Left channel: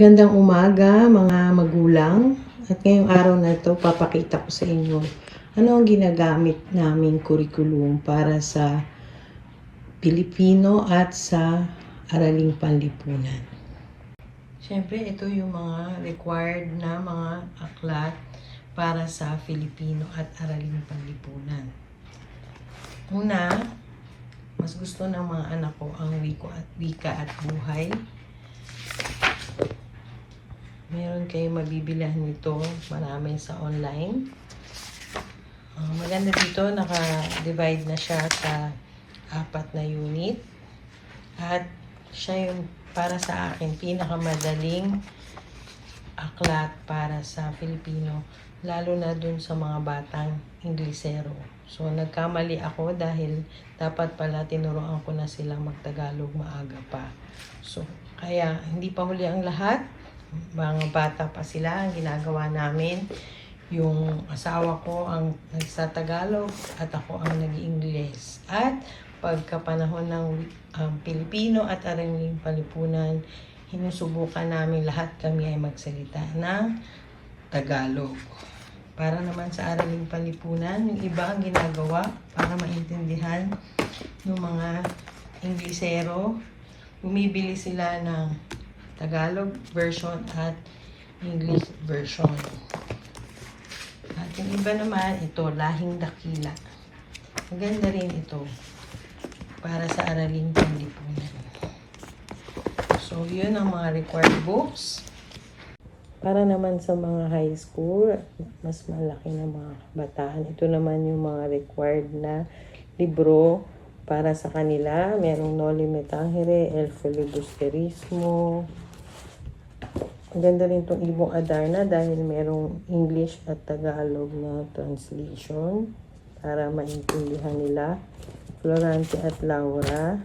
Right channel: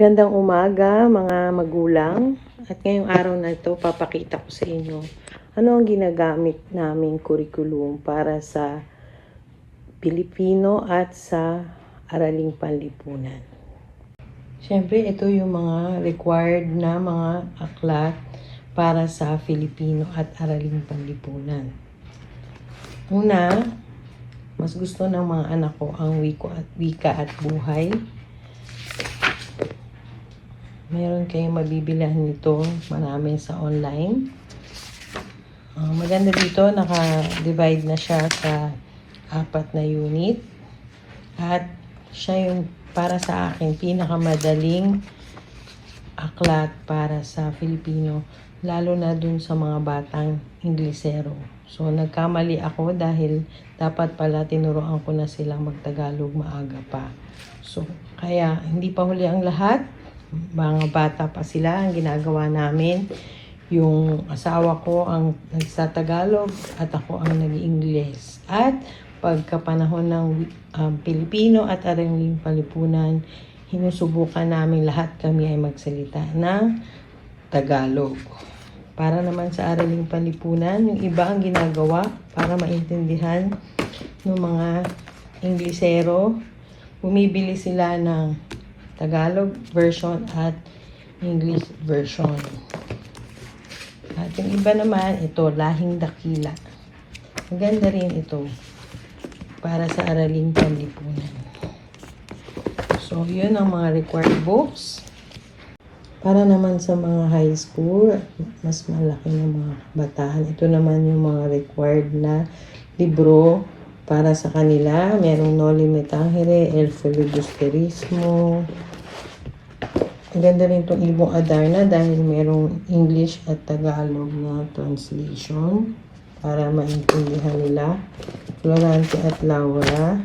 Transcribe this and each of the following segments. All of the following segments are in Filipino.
Magandang umaga mga magulang. At ngayong araw na ito, papakita ko sa inyo ano ang ginagamit naming curriculum para sa Pilipino at sa Araling Panlipunan. Siyempre, ito yung mga required na mga aklat para sa Filipino at Araling Panlipunan. Una, mas gusto ng mga anak ko ang wika at buhay. Meron kayong mabibilihan nito, marami sa online. Maganda dito, naka-divide na siya sa 4 na unit. At siya yung para sa akin pinakamadaling aklat para sa Filipino, lalo na dun sa mga batang Inglesero. So nagkamali ako dahil dapat pala tinuruan ko na sila magtagalog maaga pa. So kaya hindi pa huli ang lahat. Mga bata pa sila, ang ginagawa namin, yung asawa ko ang nagsa-Tagalog at ako ang nag-Ingles. At pagkapanahon ng Pilipino at Araling Panlipunan, hinusubukan namin lahat kami ay magsalita ng Tagalog. Para naman sa Araling Panlipunan, yung iba ang ginagawa para maintindihan ng mga Inglesero, bumibili sila ng Tagalog version at English version. At yung iba naman, ito, Lahing Dakila. Maganda rin ito para sa Araling Panlipunan. So, yun ang mga required books. Para naman sa mga high school, mas malaki yung mga batahan. Ito naman yung mga required na libro para sa kanila. Merong Noli Me Tangere, El Filibusterismo. Ang ganda rin itong Ibong Adarna dahil merong English at Tagalog na translation para maintindihan nila. Florante at Laura.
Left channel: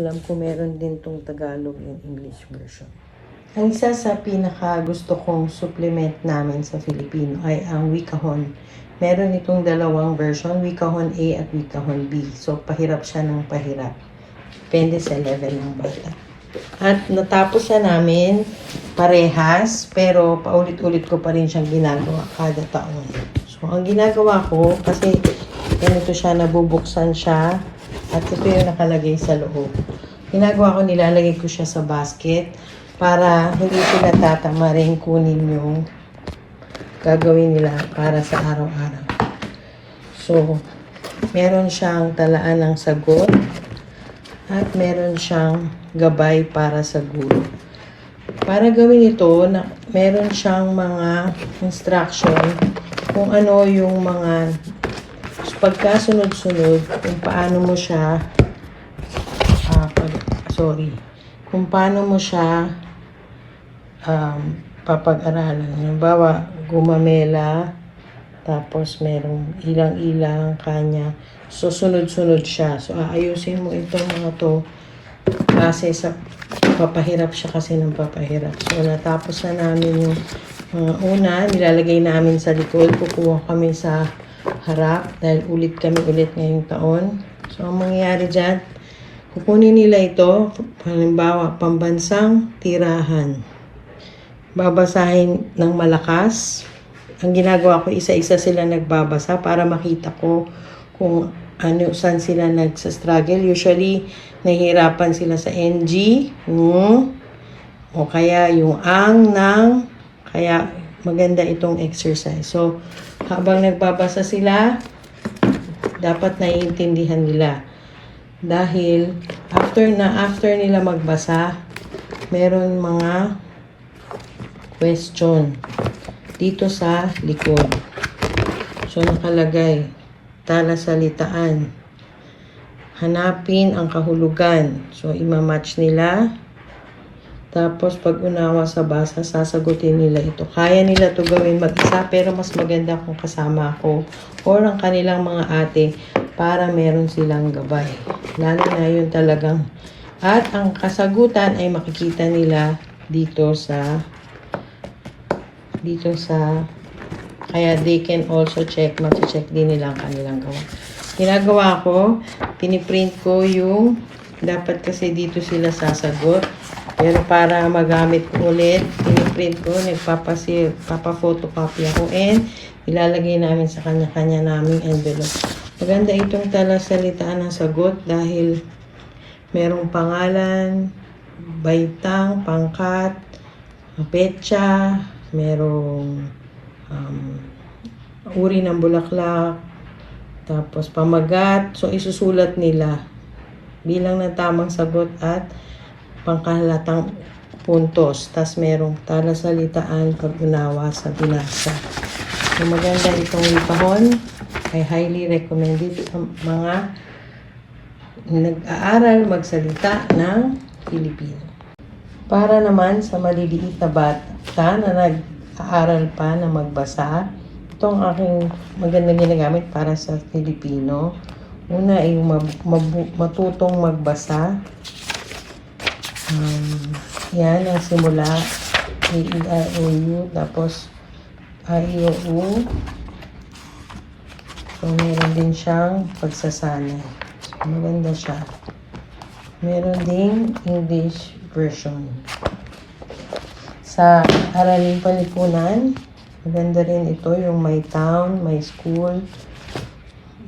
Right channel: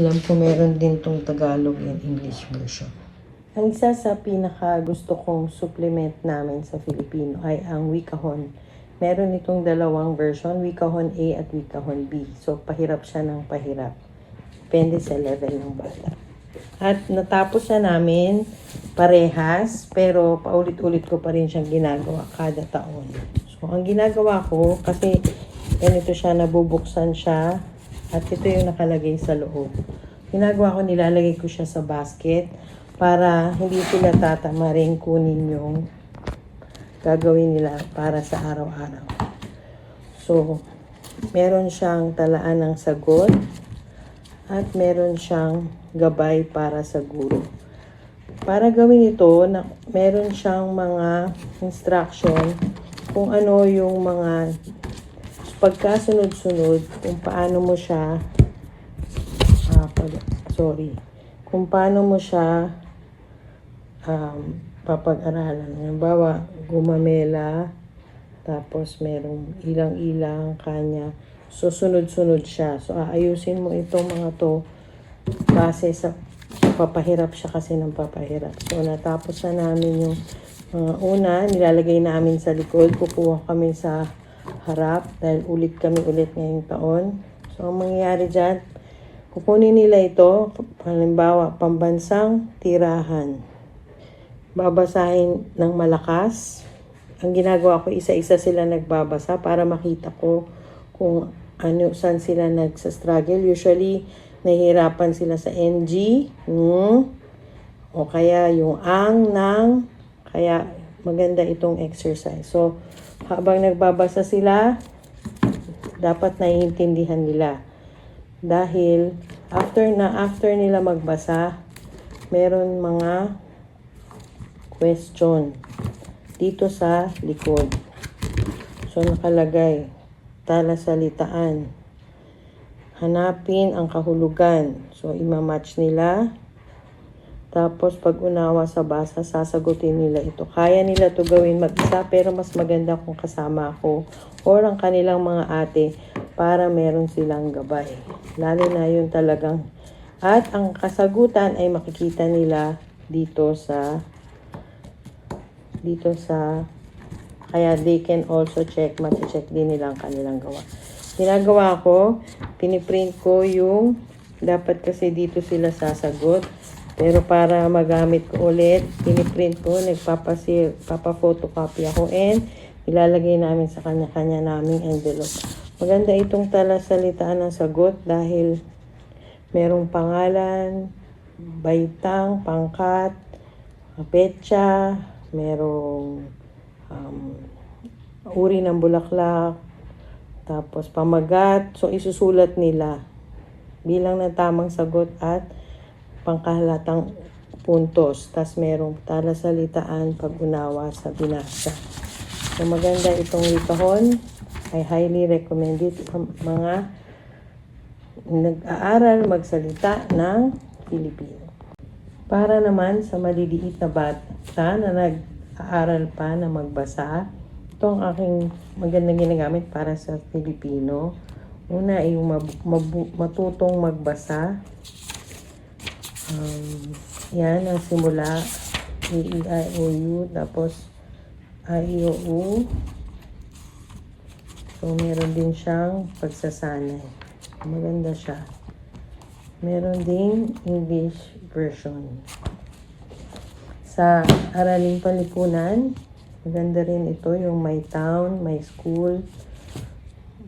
Alam ko meron din itong Tagalog and English version. Ang isa sa pinaka gusto kong supplement namin sa Filipino ay ang Wikahon. Meron itong dalawang version, Wikahon A at Wikahon B. So, pahirap siya ng pahirap. Depende sa level ng bata. At natapos siya namin parehas, pero paulit-ulit ko pa rin siyang ginagawa kada taon. So, ang ginagawa ko, kasi ganito siya, nabubuksan siya, at ito yung nakalagay sa loob. Ginagawa ko, nilalagay ko siya sa basket para hindi sila tatamarin kunin yung gagawin nila para sa araw-araw. So, meron siyang talaan ng sagot at meron siyang gabay para sa guro. Para gawin ito, meron siyang mga instruction kung ano yung mga pagkasunod-sunod, kung paano mo siya kung paano mo siya papag-aralan. Halimbawa, gumamela, tapos merong ilang-ilang kanya. So, sunod-sunod siya. So, aayusin mo ito mga to kasi sa papahirap siya kasi ng papahirap. So, natapos na namin yung mga una. Nilalagay namin sa likod. Kukuha kami sa harap dahil ulit kami ngayong taon. So, ang mangyayari dyan, kukunin nila ito, halimbawa, pambansang tirahan. Babasahin ng malakas. Ang ginagawa ko, isa-isa sila nagbabasa para makita ko kung saan sila nagsastruggle. Usually, nahihirapan sila sa NG, o kaya yung ang, ng, kaya maganda itong exercise. So, habang nagbabasa sila, dapat naiintindihan nila. Dahil, after nila magbasa, meron mga question dito sa likod. So, nakalagay, talasalitaan. Hanapin ang kahulugan. So, imamatch nila. Tapos, pag unawa sa basa, sasagutin nila ito. Kaya nila ito gawin mag-isa, pero mas maganda kung kasama ako or ang kanilang mga ate para meron silang gabay. Lalo na yun talagang. At ang kasagutan ay makikita nila dito sa kaya they can also check, mag-check din nila ang kanilang gawin. ginagawa ko, piniprint ko yung dapat kasi dito sila sasagot. Pero para magamit ko ulit, piniprint ko, papa-photocopy ko, and ilalagay namin sa kanya-kanya naming envelope. Maganda itong talasalitaan ng sagot dahil merong pangalan, baitang, pangkat, petsa, merong uri ng bulaklak, tapos pamagat. So, isusulat nila bilang na tamang sagot at pangkahalatang puntos. Tapos merong talasalitaan, pag-unawa sa binasa. So, maganda itong kahon. I highly recommend it sa mga nag-aaral magsalita ng Pilipino. Para naman sa maliliit na bata na nag-aaral pa na magbasa, itong aking magandang ginagamit para sa Filipino. Una ay matutong magbasa. Yan ang simula. A-E-I-O-U. Tapos A-I-O-U. So, meron din siyang pagsasana. So, maganda siya. Meron ding English version. Sa Araling Panlipunan, maganda rin ito yung my town, my school,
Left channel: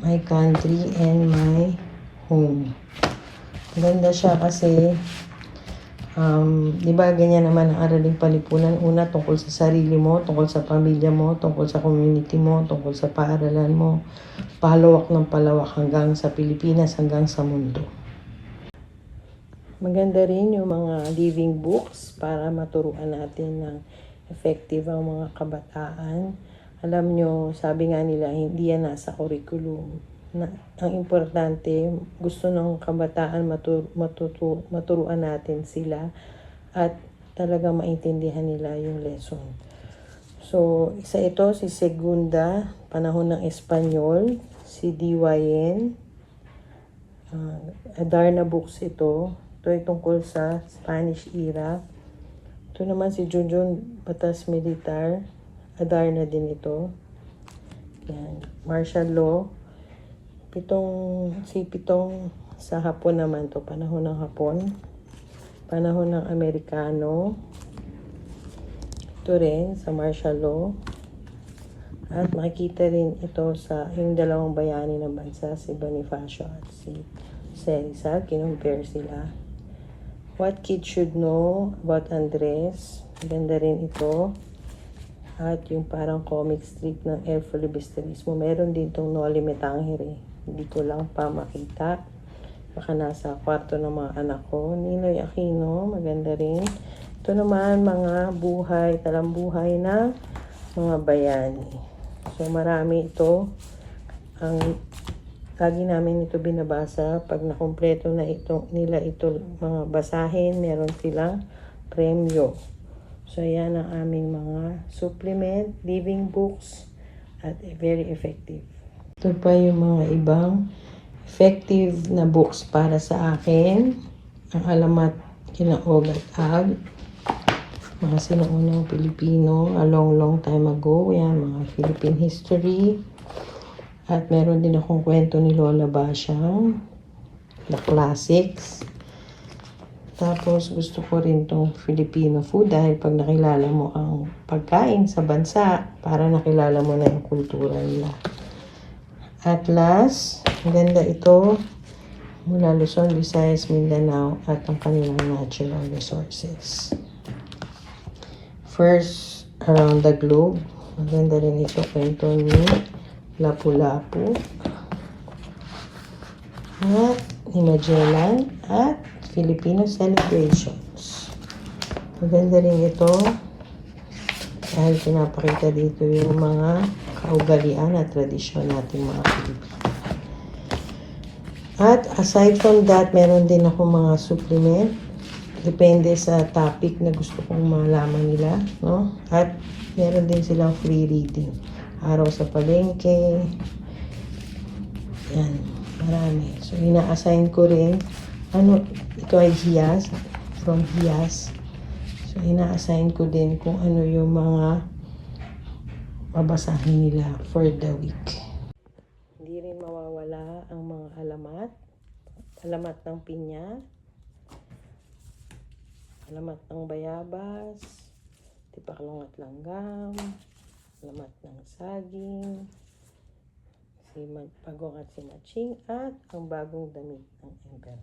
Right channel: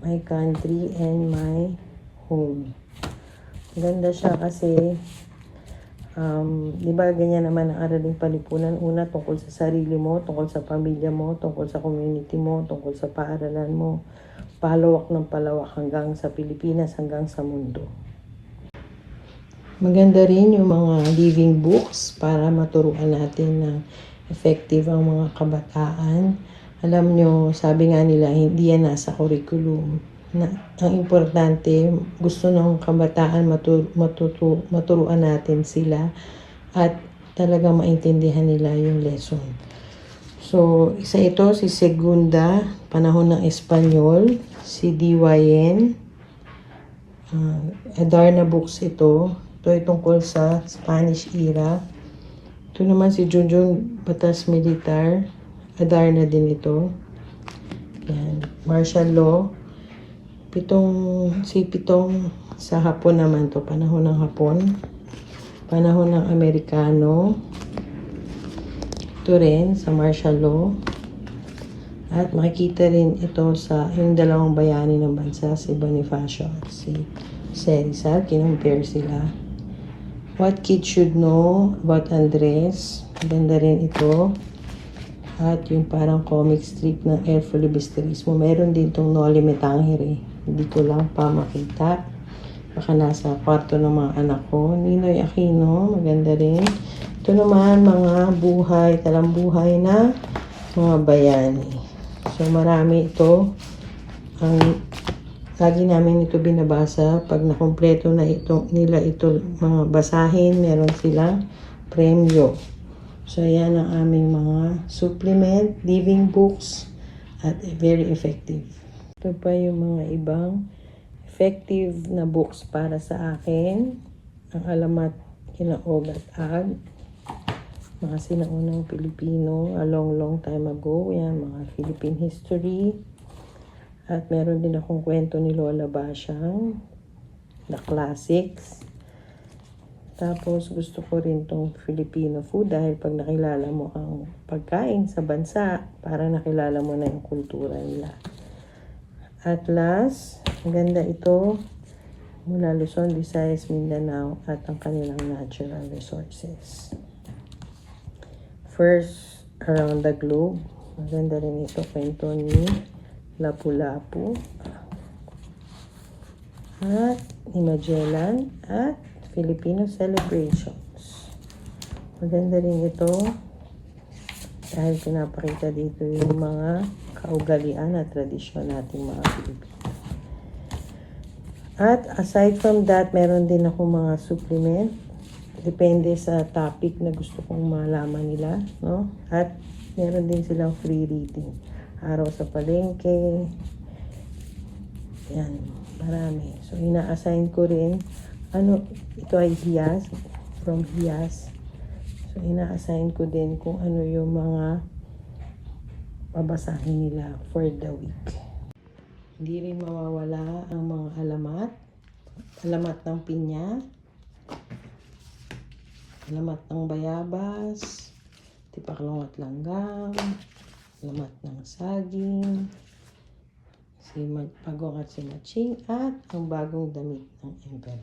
my country, and my home. Maganda siya kasi di ba ganyan naman ang Araling Panlipunan? Una, tungkol sa sarili mo, tungkol sa pamilya mo, tungkol sa community mo, tungkol sa paaralan mo, palawak ng palawak hanggang sa Pilipinas, hanggang sa mundo. Maganda rin yung mga living books para maturuan natin ng effective ang mga kabataan. Alam nyo, sabi nga nila, hindi yan nasa curriculum. Ang importante, gusto ng kabataan maturuan natin sila at talagang maintindihan nila yung lesson. So, isa ito, si Segunda, Panahon ng Espanyol, si D.Y.N. Adarna books ito. Ito ay tungkol sa Spanish era. Ito naman si Junjun Batas Militar. Adarna din ito. Yan. Martial law. Pitong sa Hapon naman to. Panahon ng Hapon. Panahon ng Amerikano. Ito rin sa martial law. At makikita rin ito sa yung dalawang bayani ng bansa, si Bonifacio at si Rizal. Kinumpare sila. What Kids Should Know About Andres. Maganda rin ito. At yung parang comic strip ng El Filibusterismo. Meron din itong Noli Me Tangere. Hindi ko lang pa makita. Baka nasa kwarto ng mga anak ko. Ninoy Aquino. Maganda rin. Ito naman mga buhay, talambuhay na mga bayani. So marami ito. Lagi namin ito binabasa. Pag nakompleto na nila ito mga basahin, meron silang premyo. So, yan ang aming mga supplement, living books, at very effective. Ito pa yung mga ibang effective na books para sa akin. Ang alamat kina Og at Ag. Mga sinaunang Pilipino, a long time ago. Yan, mga Philippine history. At meron din akong kwento ni Lola Basyang, The Classics. Tapos gusto ko rin tong Filipino food dahil pag nakilala mo ang pagkain sa bansa, para nakilala mo na yung kultura nila. At last, maganda ito mula Luzon, Visayas, Mindanao at ang kanilang natural resources. First, Around the Globe. Maganda rin ito kwento ni Lapu-Lapu at ni Magellan at Filipino celebrations. Maganda rin ito dahil pinapakita dito yung mga kaugalian at tradisyon natin mga Pilipino. At aside from that, meron din ako mga supplement. Depende sa topic na gusto kong malaman nila, no? At meron din silang free reading. Araw sa Palengke. Yan, marami. So, ina-assign ko rin. Ito ay Hiyas, from Hiyas. So, ina-assign ko din kung ano yung mga babasahin nila for the week. Hindi rin mawawala ang mga alamat. Alamat ng pinya. Alamat ng bayabas. Tipaklong at langgam. Alamat ng saging. Pagong at simaching. At ang bagong damit ng Ember.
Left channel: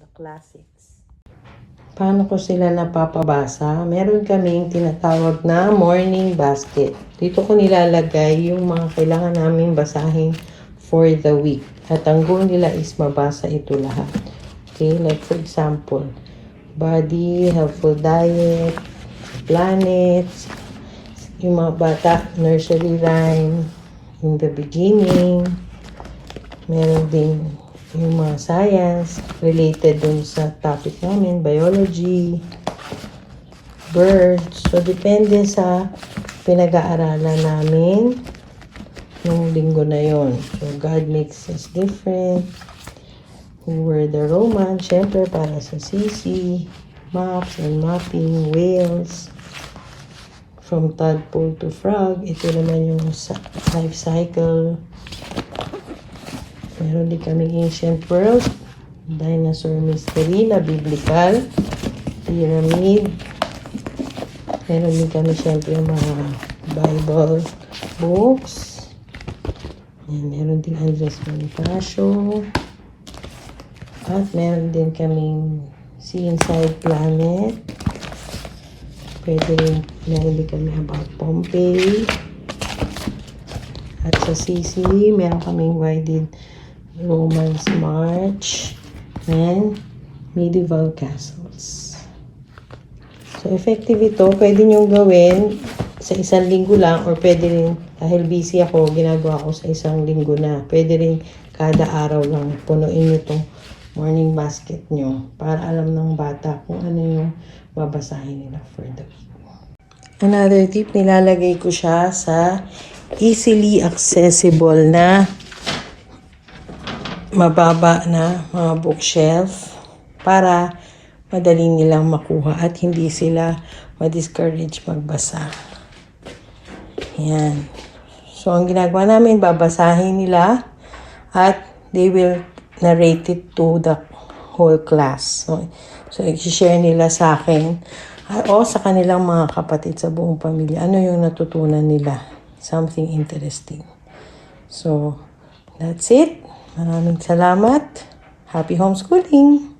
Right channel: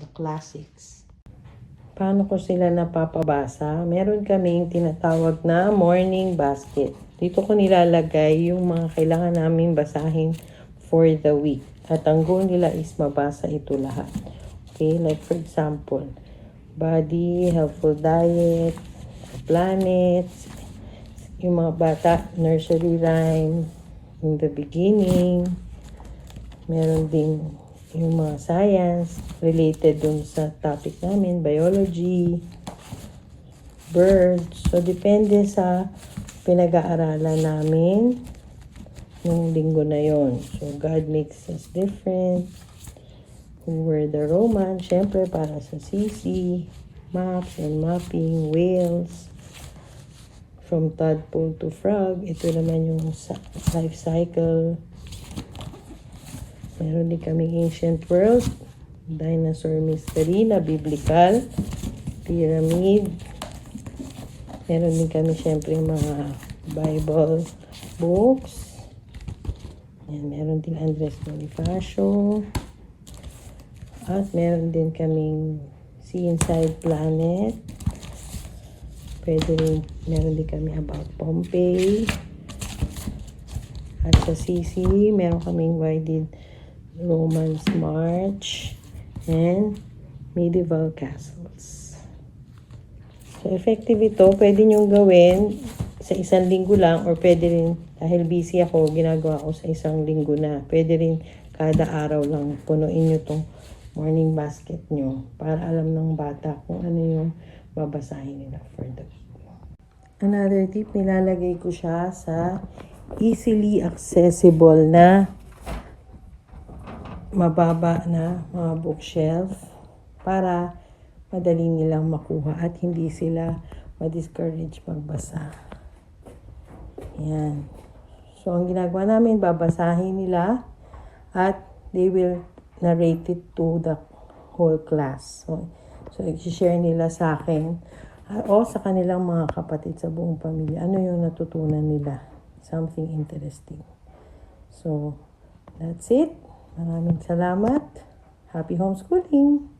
The classics. Paano ko sila napapabasa? Meron kaming tinatawag na morning basket. Dito ko nilalagay yung mga kailangan naming basahin for the week. At ang goal nila is mabasa ito lahat. Okay, like for example, body, helpful diet, planets, yung mga bata, nursery rhyme, in the beginning, meron din yung mga science related dun sa topic namin, biology, birds. So, depende sa pinag-aaralan namin yung linggo na yon. So, God makes us different. Word the Roman, syempre para sa CC, maps and mapping, whales, from tadpole to frog. Ito naman yung life cycle. Meron din kami ancient world, dinosaur mystery na biblical, pyramid. Meron din kami syempre mga Bible books. Yan, meron din Andres Bonifacio. At meron din kaming See Inside Planet. Meron din kami about Pompeii. At sa CC, meron kaming Why Romans March and Medieval Castles. So, effective ito. Pwede nyo gawin sa isang linggo lang or pwede rin, dahil busy ako, ginagawa ko sa isang linggo na. Pwede rin kada araw lang punuin nyo itong morning basket nyo para alam ng bata kung ano yung babasahin nila for the week. Another tip, nilalagay ko siya sa easily accessible na mababa na mga bookshelf para madali nilang makuha at hindi sila ma-discourage magbasa. Yan. So, ang ginagawa namin, babasahin nila at they will narrate it to the whole class. So i-share nila sa akin o sa kanilang mga kapatid sa buong pamilya. Ano yung natutunan nila? Something interesting. So, that's it. Maraming salamat. Happy homeschooling!